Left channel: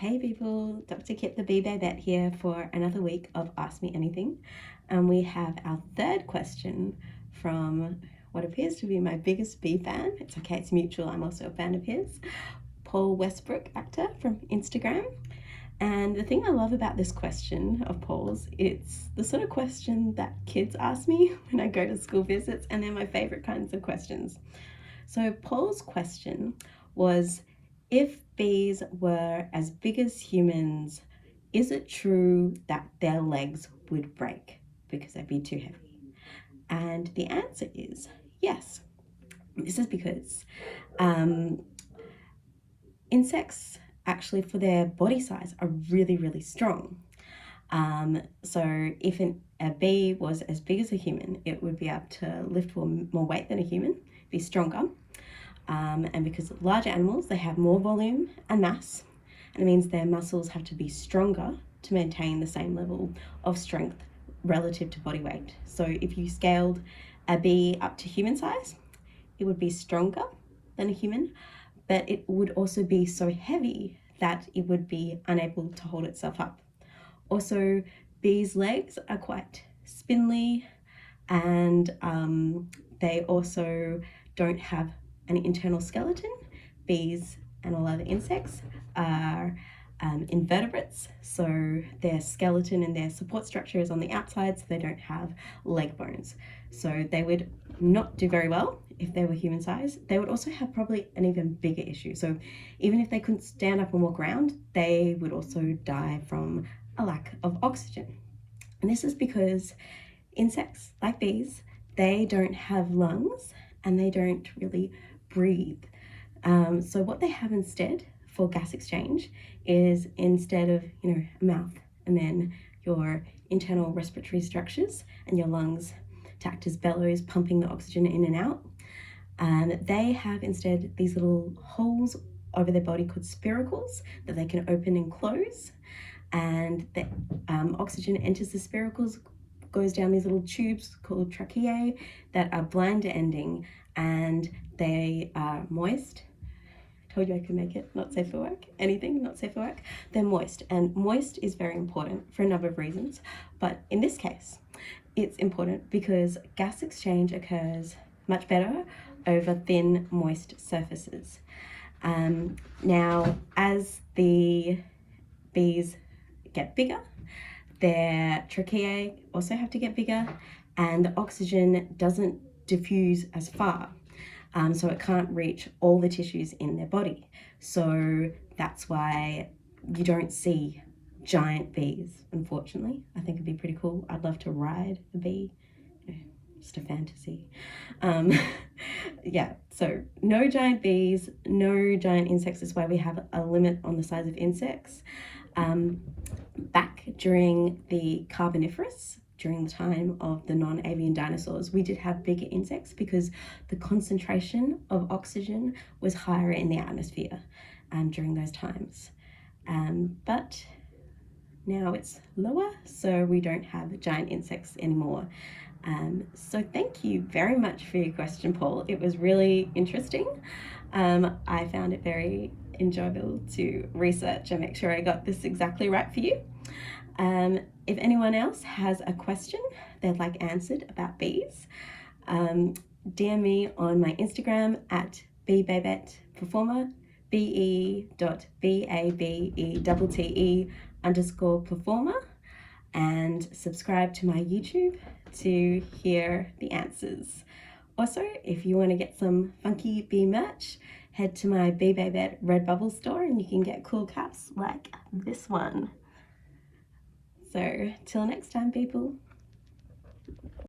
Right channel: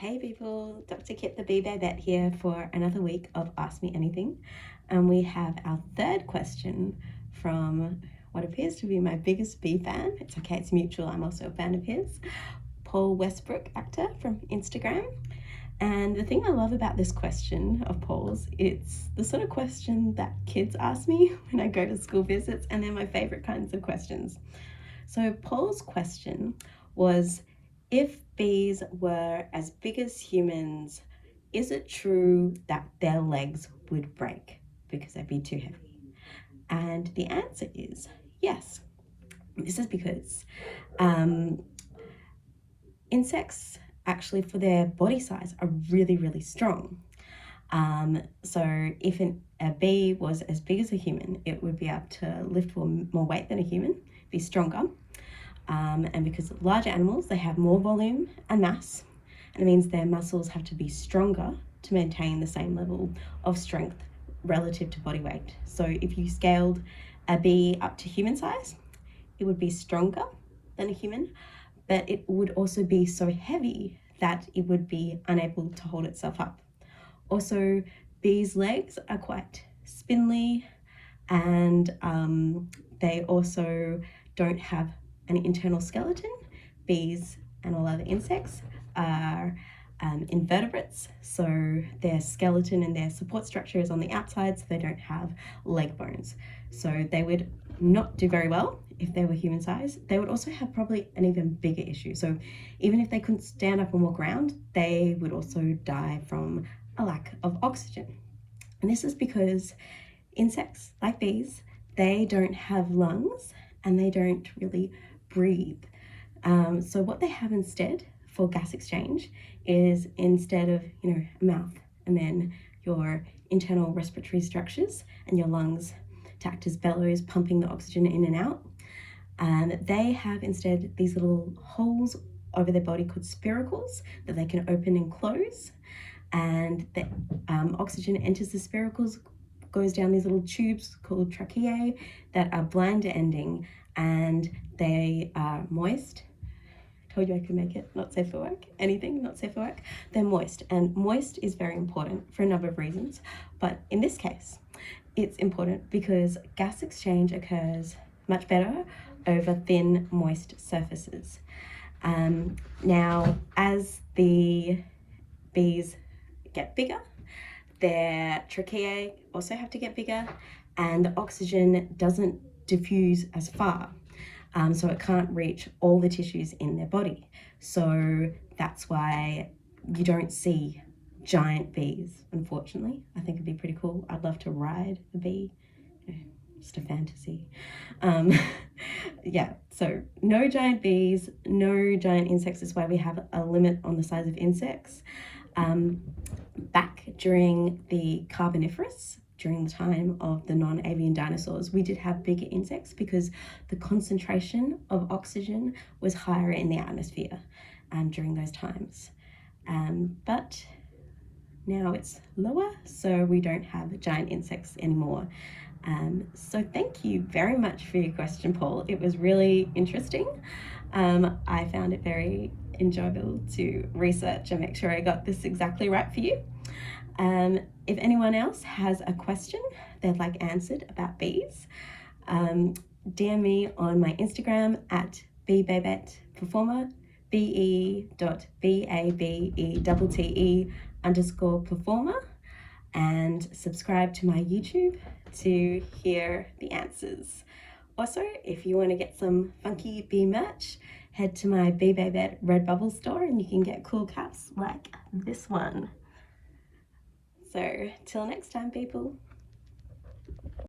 Hey people, Dr. Kit the Bee Babette here for another week of Ask Me Anything. And we have our third question from what appears to be my biggest bee fan. It's okay, it's mutual, I'm also a fan of his. Paul Westbrook, actor from Instagram. And the thing I love about this question of Paul's, it's the sort of question that kids ask me when I go to school visits, and they're my favorite kinds of questions. So Paul's question was, if bees were as big as humans, is it true that their legs would break because they'd be too heavy? And the answer is yes. This is because insects actually, for their body size, are really, really strong. So if a bee was as big as a human, it would be able to lift more weight than a human, be stronger. And because larger animals, they have more volume and mass, and it means their muscles have to be stronger to maintain the same level of strength relative to body weight. So if you scaled a bee up to human size, it would be stronger than a human, but it would also be so heavy that it would be unable to hold itself up. Also, bees' legs are quite spindly, and they also don't have an internal skeleton. Bees and all other insects are invertebrates, so their skeleton and their support structure is on the outside, so they don't have leg bones. So they would not do very well if they were human size. They would also have probably an even bigger issue. So even if they couldn't stand up and walk around, they would also die from a lack of oxygen. And this is because insects, like bees, they don't have lungs and they don't really breathe. So what they have instead for gas exchange is, instead of a mouth and then your internal respiratory structures and your lungs to act as bellows pumping the oxygen in and out, they have instead these little holes over their body called spiracles that they can open and close, and the oxygen enters the spiracles, goes down these little tubes called tracheae that are blind ending, and they are moist. I told you I could make it not safe for work. Anything not safe for work. They're moist, and moist is very important for a number of reasons, but in this case it's important because gas exchange occurs much better over thin, moist surfaces. Now, as the bees get bigger, their tracheae also have to get bigger, and the oxygen doesn't diffuse as far, so it can't reach all the tissues in their body. So that's why you don't see giant bees, unfortunately. I think it'd be pretty cool. I'd love to ride a bee. Just a fantasy. Yeah, so no giant bees, no giant insects. Is why we have a limit on the size of insects. Back during the Carboniferous, during the time of the non-avian dinosaurs, we did have bigger insects because the concentration of oxygen was higher in the atmosphere during those times. But now it's lower, so we don't have giant insects anymore. So thank you very much for your question, Paul. It was really interesting. I found it very enjoyable to research and make sure I got this exactly right for you. If anyone else has a question they'd like answered about bees, DM me on my Instagram at Bee Babette Performer, BE.BABETTE_performer, and subscribe to my YouTube to hear the answers. Also, if you want to get some funky bee merch, head to my Bee Babette Redbubble store and you can get cool caps like this one. So till next time, people.